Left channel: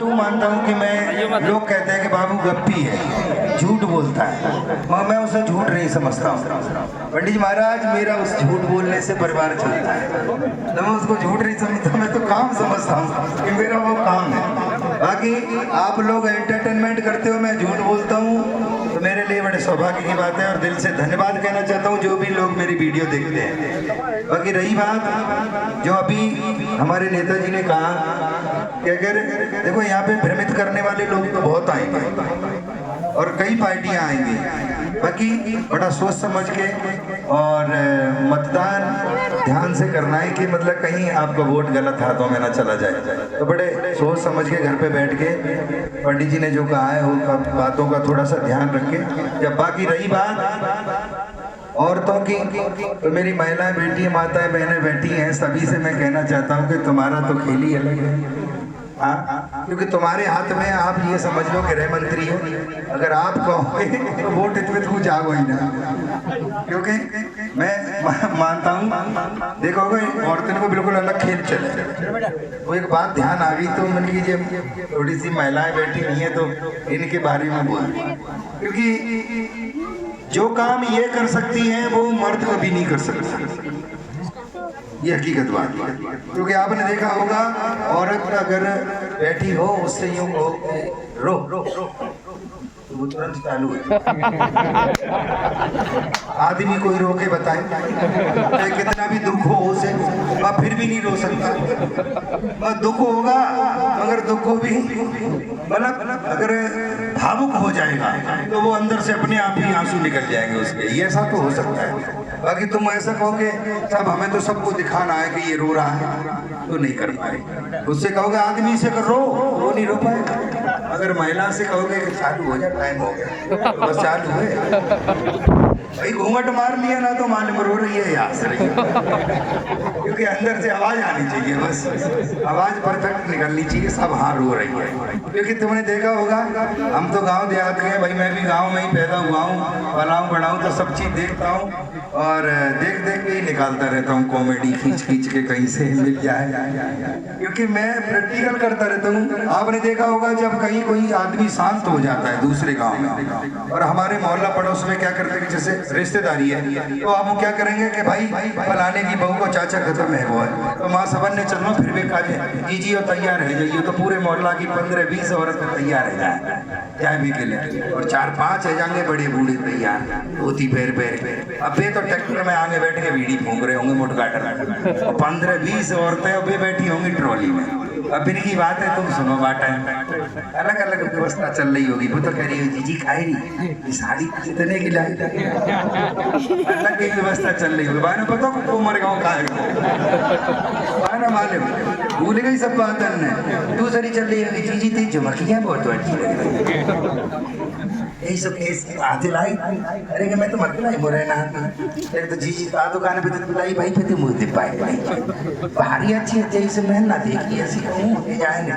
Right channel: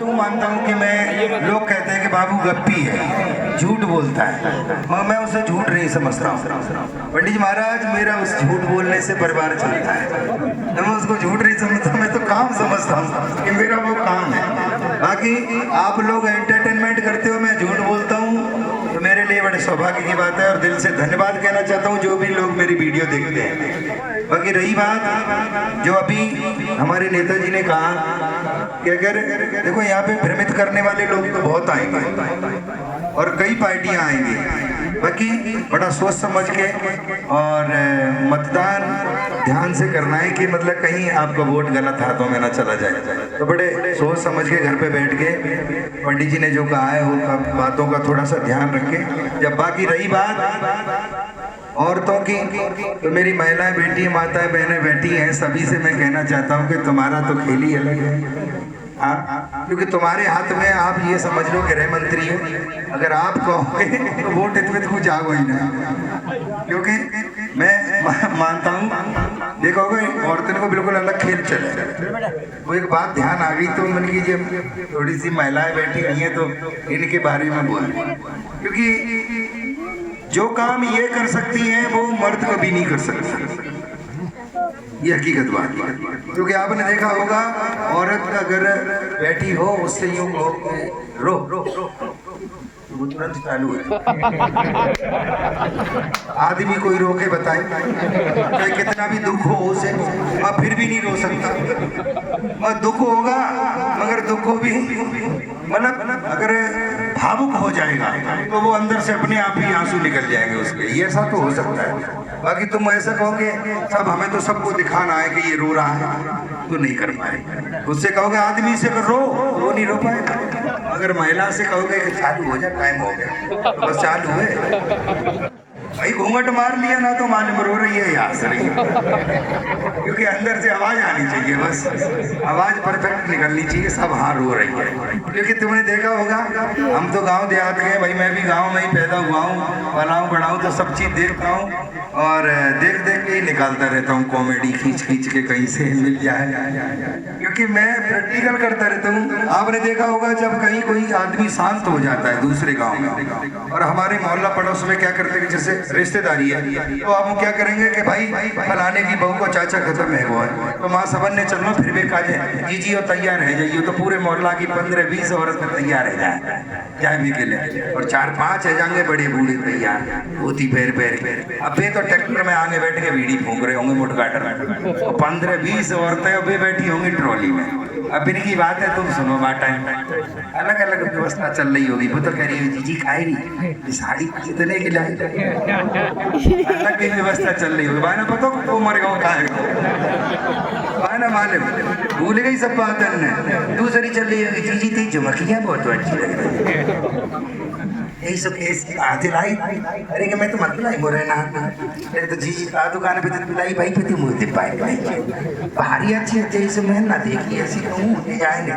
तू मानता हूँ कि मैं, लोग कहते हैं कि बाबू गप्पी है, झूठ बोलता है, मगर मैं उसे झूठ नहीं समझता हूँ। पंडित जी महाराज, मेरा उस झूठ बोलने से परिवार चलता है, तो मैं उसको झूठ नहीं समझता, मैं तो काम समझता हूँ कि मेरा वो काम है। बाकी आप लोग एंटरटेनमेंट करते हो, मैं झूठ बोलता हूँ, तो मेरे लिए बड़े सौभाग्य की बात है और दिल से धन्यवाद कहना चाहता हूँ जो भी लोग मेरी वीडियो देखते हैं। बाकी रही बात जो अभी हमारे नेताजी ने कहा कि अगर देखो यहाँ पे भ्रमित करने वाले लोग तो बहुत आएंगे और कई पार्टियां आएंगी, बाकी बड़ा सोच समझ के और मतदान ध्यान से करना है कि मतलब कहीं आपका वोट गलत हाथों में ना चला जाए, तो बड़े सोच समझ के घर पे बैठ के पंडित जी ने जो कहा है वो बातों का थोड़ा सा ध्यान रखें। जब बाकी रही बात औरतों की, तो मेरी महिलाएं बेटी माता बहनें बैठी हैं, सभी से मैं कहना चाहता हूँ कि तुम्हारा तो खेल ही अलग है। हाँ, क्योंकि तुम्हारे हाथ में, आप ये समझ लो कि गृह मंत्री हो, अगर आप कहोगे तो वोट इतने तो जागो ही ना, क्योंकि मैं मानता हूँ देखोगे औरतों को बिल्कुल अलग खेल चले। वो एक बात ध्यान आ गई तो मन की जब थोड़ी सी महिलाएं बैठी हुई हैं तो इनके बारे में बोल, क्योंकि जो काम ये कर सकती हैं वो मर्द कभी नहीं कर सकता, ये हकीकत बात है। क्योंकि आपने देखा होगा औरत अगर बैठी हो उससे यूं हो रो रो रो वो तुरंत चालू है। आदमी कोई रोके बताए कि कितना भी दुख हो उसे, मैं फिर भी नहीं रो सकता, मैं दुख होगा मगर दुख को भी मतलब अगर भावुक हो जाएगा तो वो अंदर से अपने आप ही आंसू निकल जाएंगे उसके, ये ऐसा तो हो सकता है। बाकी तुम ऐसा कहोगे सब हमें तो सबको दिखाना है कि ये रो रहा है, तो नहीं कर पाए। उससे कहोगे आदमी से रो, वो नहीं रो पाएगा। अगर महिला से कहोगे कि चालू हो जाए, टाइम हो गया, तो बस चालू है भाई, घूंघट मार लिया ना तो मालूम रो रही है या हंस रही है, क्योंकि अंदर से आवाज आनी चाहिए, बस आवाज परफेक्ट निकलनी चाहिए, सब हाँ रो रही है। क्योंकि तुमने देखा होगा, हम तो गांव देहात के भाई, मैं भी गांव में ही पैदा हुआ हूँ, पलाऊं बढ़ाऊं, तो सब चीज देखता हूँ और देख देख के ही निकालता रहता हूँ कॉमेडी, खींच खींच के कहीं से मिल जाए, क्योंकि मैं प्रैक्टिकल करता रहता हूँ। आपने देखा होगा जब कहीं कोई आदमी शांत हो जाता है दूसरे गांव में, और हमारे मोहल्ला पड़ोस में क्या करते हैं, जैसे रिश्तेदारी है तो आप क्या करेंगे कि भाई फलाने की बहू को चाचा खत्म है वो है, तो माँ सबन ने चलो फिर भी कहा जाए जी और तैयार है जाइए, तो पूरे मोहल्ला की 15-20 औरत तैयार है जाए भी के लिए, और 4-5 है जाएंगे बड़े बूढ़े तैयार धोती पैर पैर। अब ये तो ट्रैक्टर में आगे बैठ के बीड़ी फूंक रहे होंगे मोटगाटर में, और 15-20 औरतें अब बैठी होंगी ट्रॉली में। अब इनकी बात है, तुम सुनो बाटा, अलग अलग व्यवस्था चल रही होगी। वो तो कह रही है जीजी खाएगी साड़ी कितने की लाई, अलग की व्यवस्था चल रही होगी। बाना पता तो मर गाँव खाएगा, बाना मालूम भूल गई सब बात है। दूसरी चल रही होगी जीजी थी झुमकियाँ बहुत अच्छी लगी, यही सब कैसे आते लाई, अरे कि मैं तो मत लाई बोल रहे ना, अरे तो जीजी का दुकान पे तो पिलाई भाई पे मुँह दे पाए भारी अच्छी है जैसे मैं ना देखी ऐसी कहूँ जाएंगे।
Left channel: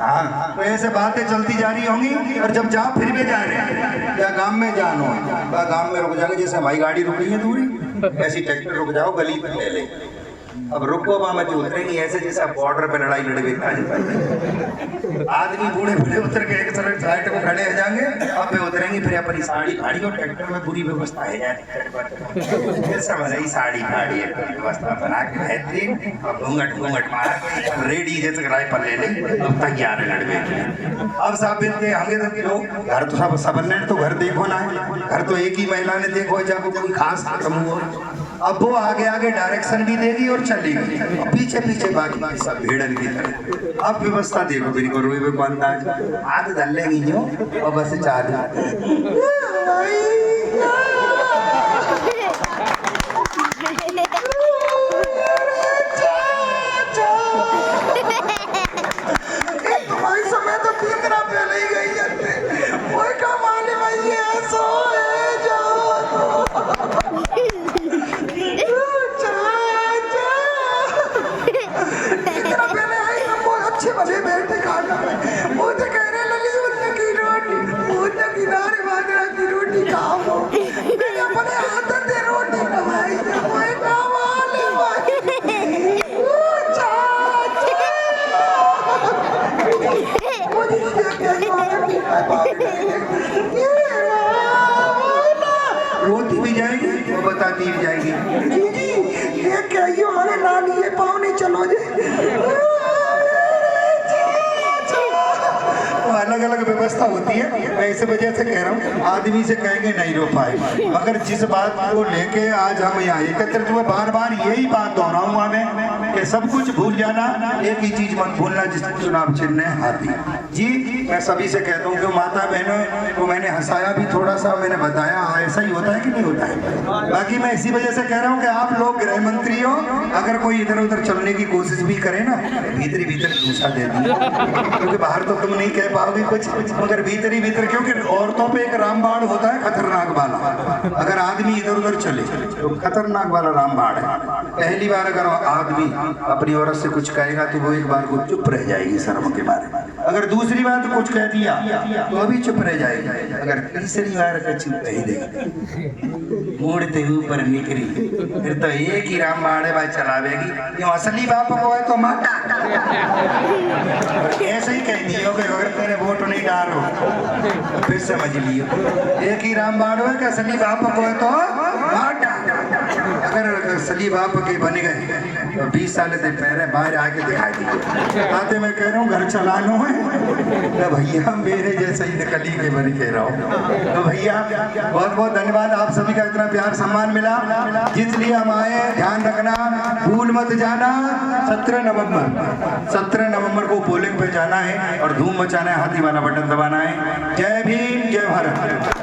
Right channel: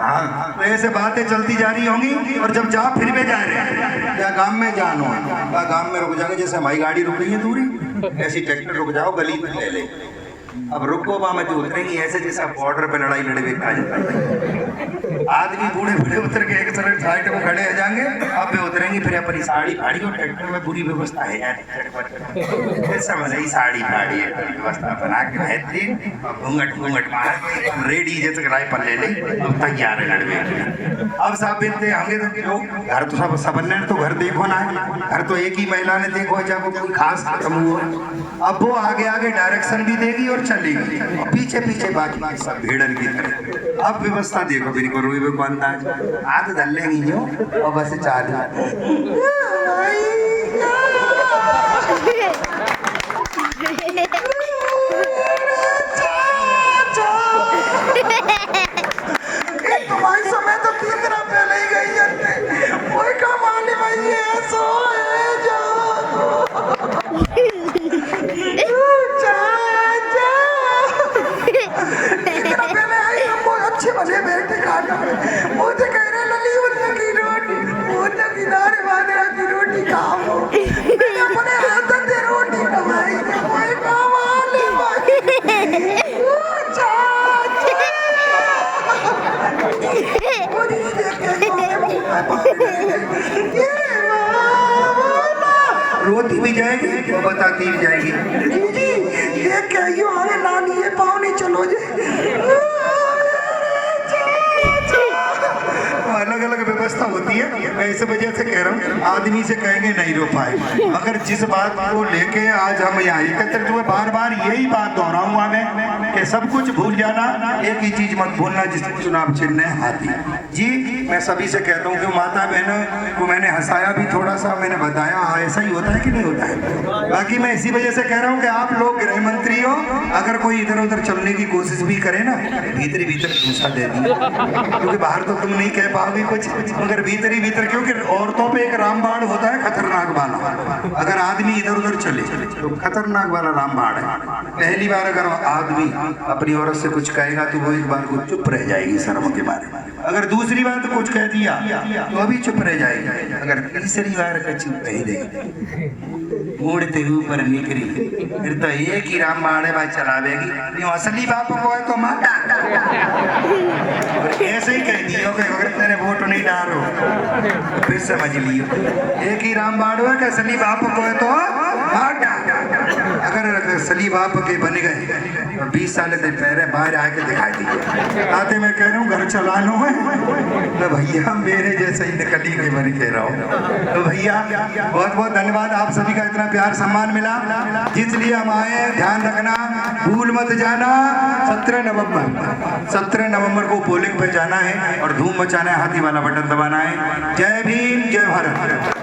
हाँ, तो ऐसे बातें चलती जा रही होंगी, और जब जा फिर भी जा रहे हैं या गांव में जानो, गांव में रुक जाएंगे, जैसे हमारी गाड़ी रुक रही है दूरी, ऐसी ट्रैक्टर रुक जाओ गली में ले ले, अब रुको वहां में तो उतरेंगी ऐसे जैसे बॉर्डर पे लड़ाई लड़े आदमी बूढ़े बूढ़े उतर के एक तरफ साइड को खड़े हो जाएंगे, अब वे उतरेंगी फिर अपनी साड़ी फाड़ी और ट्रैक्टर में पूरी व्यवस्था है यार, समझ आई साड़ी फाड़ी व्यवस्था बना के बेहतरीन, और घूंघट घूंघट मार रेडी जैसे राइफल ले लें, अब तैयार है लड़वे। अब सब मिलते होंगे तो घर तो सब सबने तो घर देखो ना, घर तो एक ही महिला ने देखो जब कोई खास खत्म हुआ, अब वो आगे आगे डायरेक्शन भी देगी और चलेगी, पीछे पीछे बाकी सब भेड़न की तरह। अब व्यवस्था देखो मेरी को रोई को अंदाज आग धर लेंगी जो, और बस चालू तुम्हारी समय तो कितना पहले ही गई है, कोई कमाने भाई ऐसा है जो अच्छे मजे बैठे खाना, मुझे कह रहे लली उन्नत की रोटी, उन्नत की नारे बाजरा की रोटी खाओ, मैंने अपने हाथ से रोटी कमाई, कोई रोती भी जाएगी वो बताती भी जाएगी, जी जी ये क्या यो अरे नानी ये पाँव नहीं चलो जे। अलग अलग व्यवस्था होती है। मैं इस वजह से कह रहा हूँ आदमी से कहेंगे नहीं रो पाए, मगर जिस बात को लेके आज हम यहाँ एकत्रित हुए, बार बार यही बात दोहराऊंगा मैं कि सब कुछ भूल जाना, एक ही चीज मत भूलना जिसका चुनाव चिन्ह है हाथी। जी मैं सभी से कहता हूँ कि माता बहनों को मैंने हंसाया भी थोड़ा सा, मैंने बताया हाँ ऐसा ही होता है कि नहीं होता है। बाकी मैं इसी वजह से कह रहा हूँ कि आप लोग गृह मंत्री हो, अगर कोई इधर उधर चलने की कोशिश भी करे ना, भीतर भीतर घूसा दे दी, क्योंकि बाहर तो तुम नहीं कह पाओगे कुछ, मगर भीतर ही भीतर, क्योंकि औरतों पे एक रामबाण होता है खतरनाक वाला, अगर आदमी इधर उधर चले तो खतरनाक वाला रामबाण है। पहली बार अगर आदमी अपनी औरत से कुछ कहेगा तो वो एक बार को चुप रह जाएगी शर्म के बारे में, अगर दूसरी बार तो कुछ कह दिया तो अभी चुप रह जाएगी, अगर तीसरी बार का चुप कह देगी मुड़ते ऊपर निकली फिर तो एक ही रामबाण है भाई चलावेगी, ये असली बाप को है तो माता ऐसे ही कह दियो कि अगर तेरे वोट नहीं डालो फिर समझ लियो एक ही रामबाण है कि असली बाप को है तो माता। अगर असली बाप के बन गए तो 20 साल से पहले बाहर आके दिखाई दिए आते, मैं कह रहा हूँ घर चलानो है तो भैया मेरे जैसे ही निकली के बन कह रहा हूँ। तो भैया बहुत बहुत धन्यवाद, आप सभी का इतना प्यार सम्मान मिला, इसलिए हम आए। ध्यान रखना, भूल मत जाना, 17 नवंबर को पोलिंग पे जाना है और धूम मचाना है, हाथी वाला बटन दबाना है। जय भीम, जय भारत।